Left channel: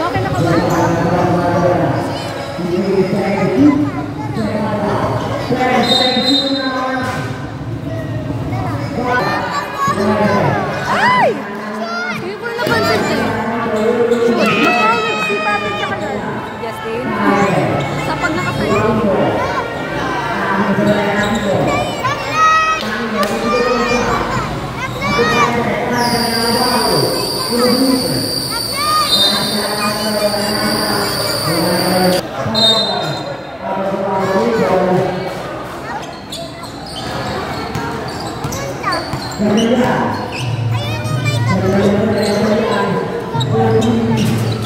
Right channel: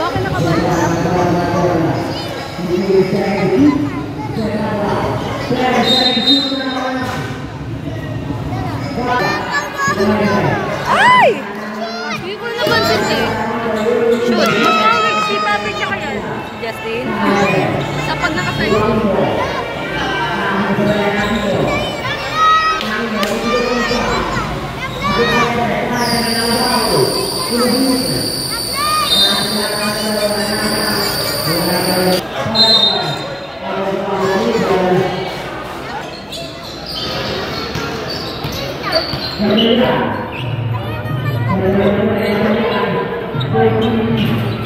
Bakit nakabalik? Ay! Hindi ko napansin eh. Shoot. Mag-awig si Papi tsaka yan. Si Justin. Sa pag nakasayo.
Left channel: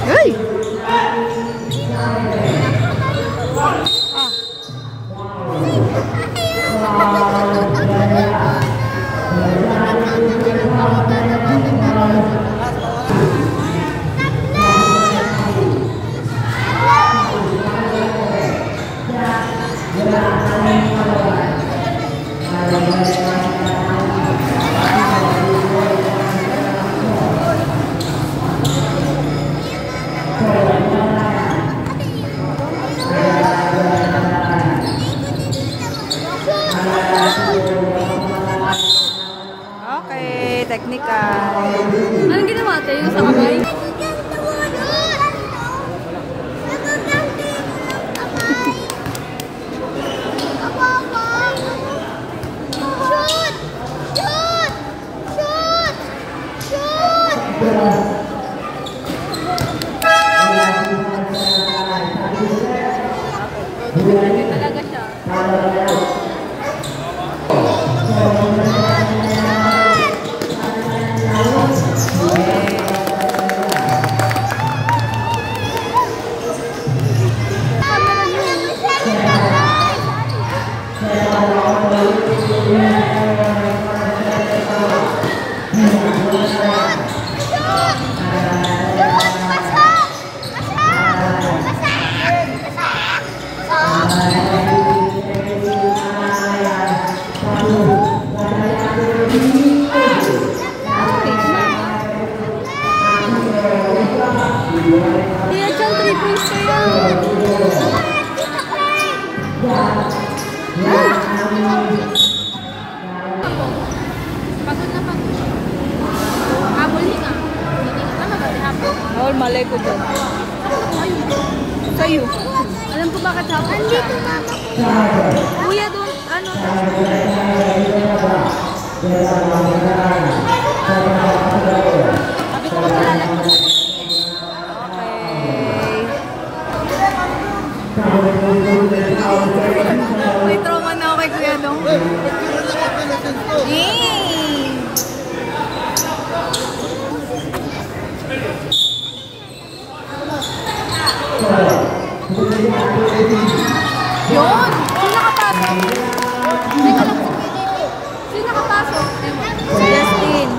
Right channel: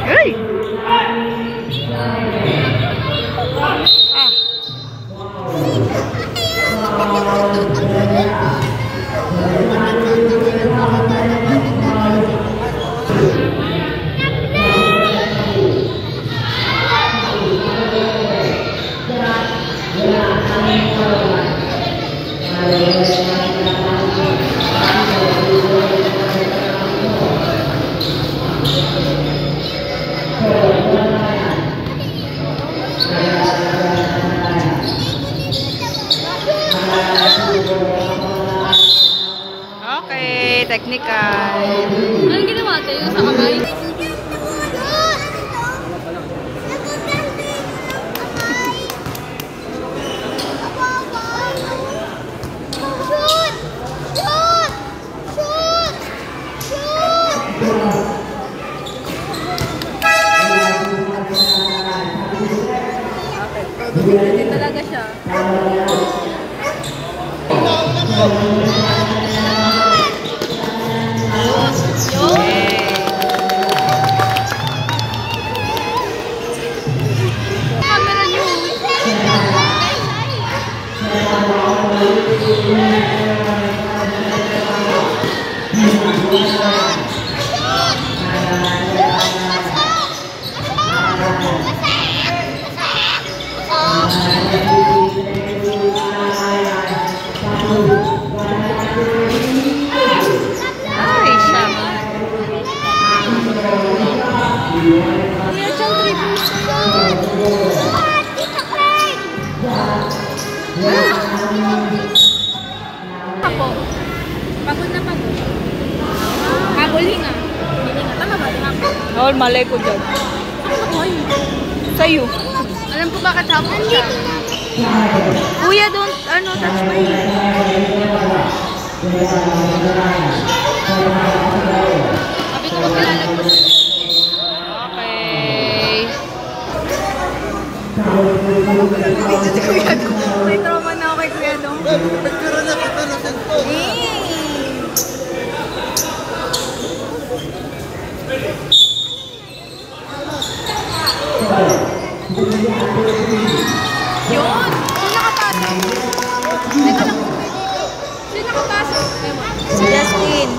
Hey! Okay, technical. Anong ginawa tayo sa kamay? Okay, talaga siya. Awal malay ko dyan. Sa'yo. Alam ko bakit hapon siya. Kuya, doon, ano, touch mo. Okay. May trauma na ako kay Kuya Dong. Yun! Sino nakapasok? Si Justin.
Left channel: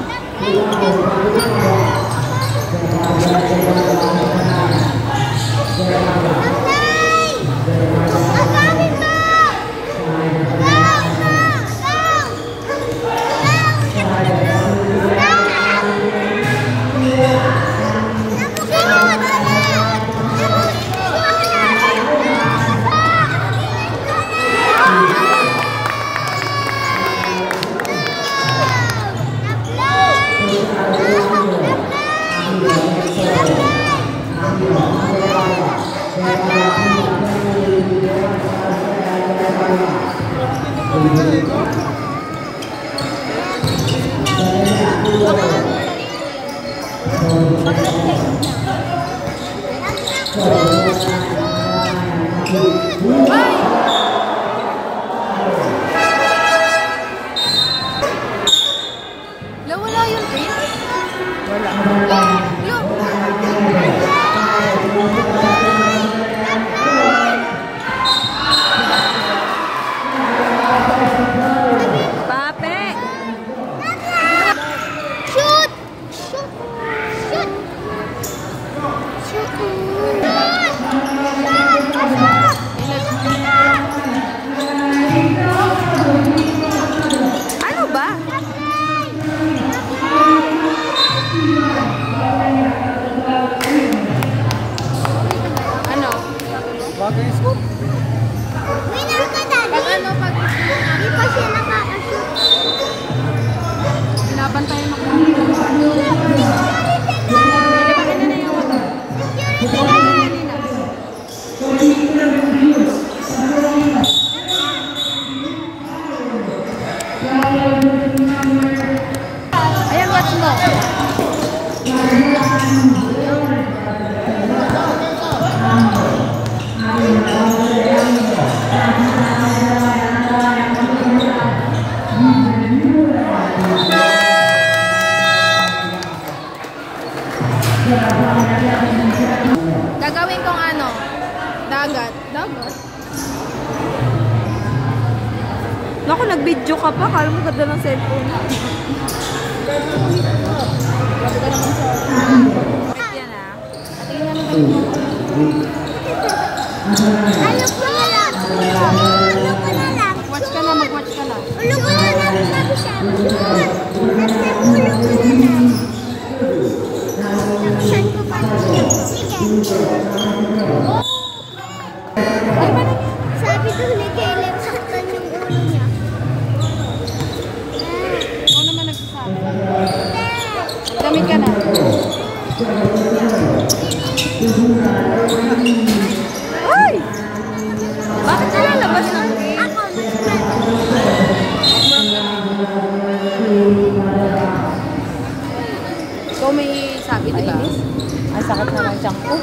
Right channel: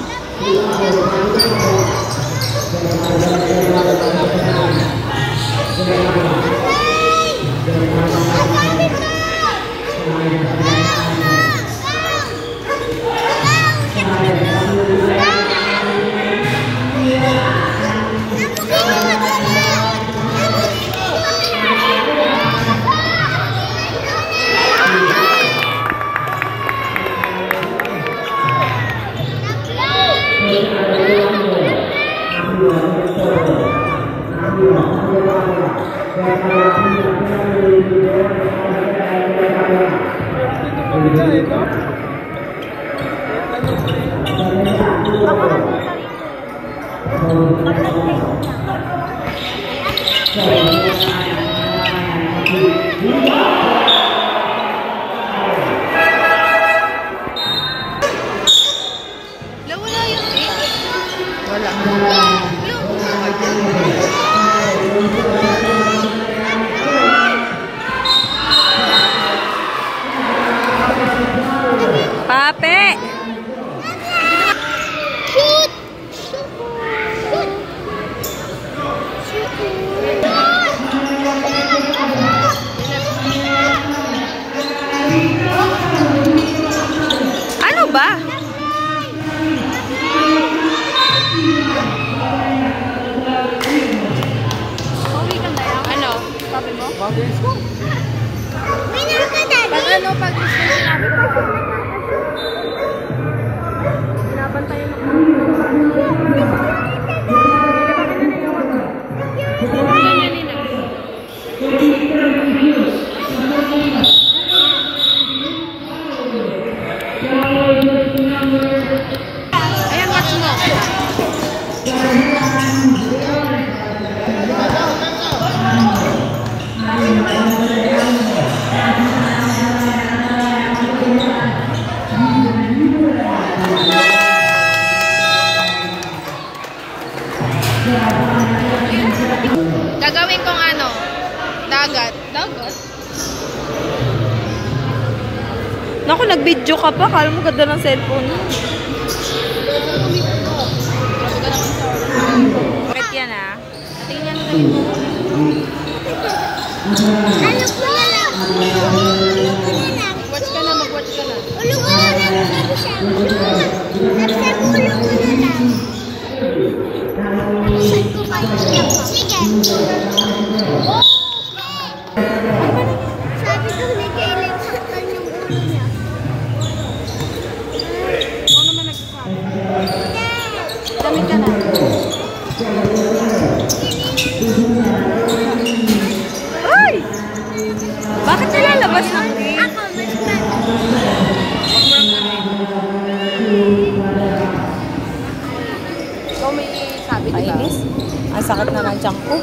Ano ba? Gagawin kong ano? Dagat. Dagat? Naku, nag-video ka pa. Kala mo ganda ng cellphone. Bakit yan ah? Patingin yan na yung Ano ko na lang? Ano ko na lang? Watch ka na, mag-watch ka na. Ulo ko na lang. Sabi siya. Sabi ulo ko na lang. Saan ko pa? Sige. Sabi ko ni Caleb, saktan yung ulo niya. Ako naman nagsasabi. Damit ka na. Ay! Bakit nilalabas ng game? Ako, mas bad. Kung may sabi ka. Kainis. Ang sakit na ng tiyan ko.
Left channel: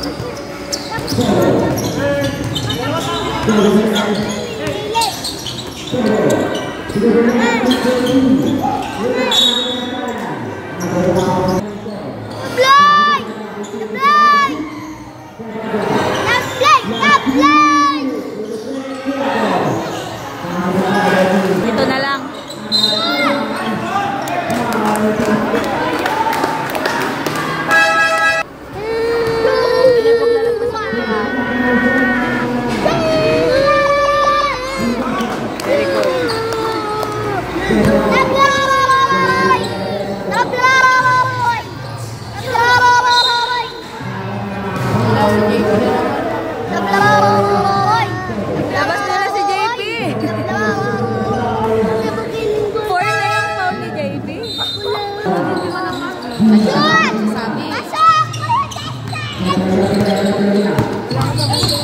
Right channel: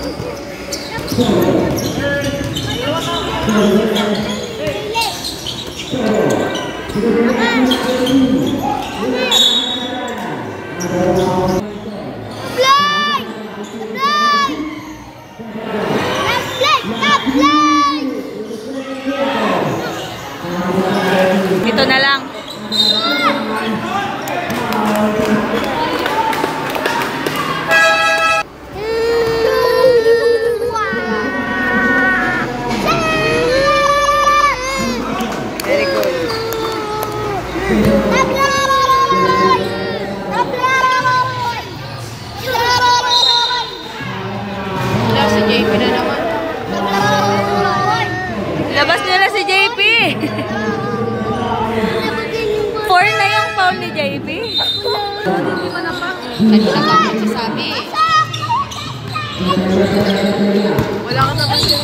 Fly! Fly! Fly! Ito na lang. Very good. Wala si JP na naman. Labas nila si JP. 4 na yung foul ni JP. Hindi mo na pa. Ano na ba nagsasabi? Wala ka naman dyan.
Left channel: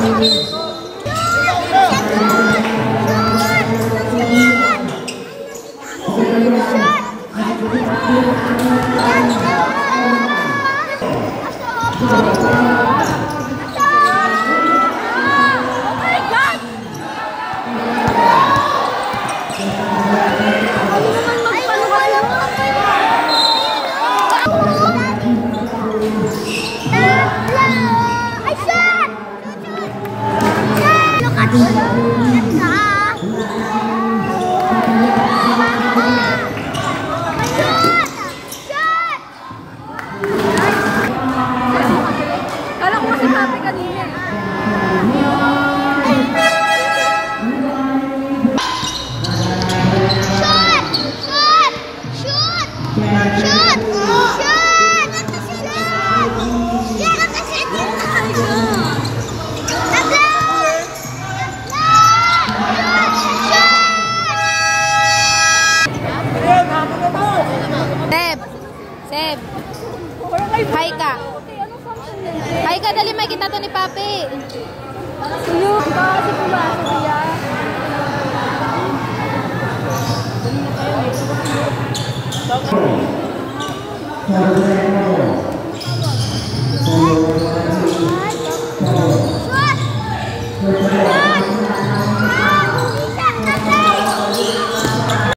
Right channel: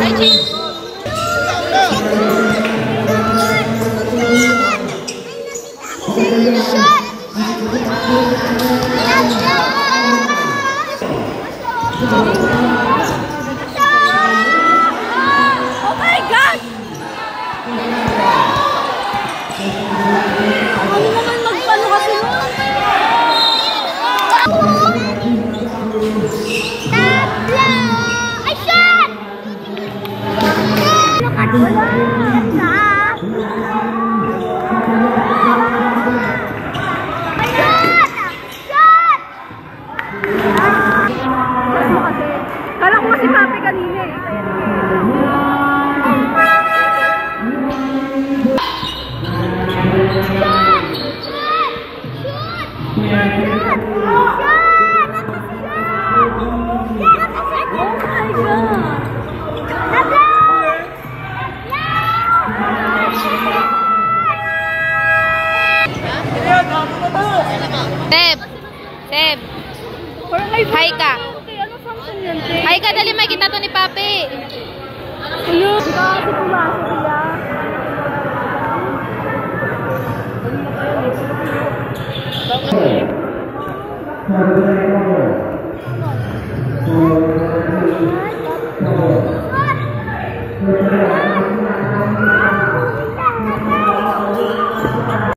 Ay, JP. Oh my God! Kala ko si Papi kanina eh. Seb. Hi ka. Hi ka, dali may kita to ni Papi. Ayun, kasi pumasok siya.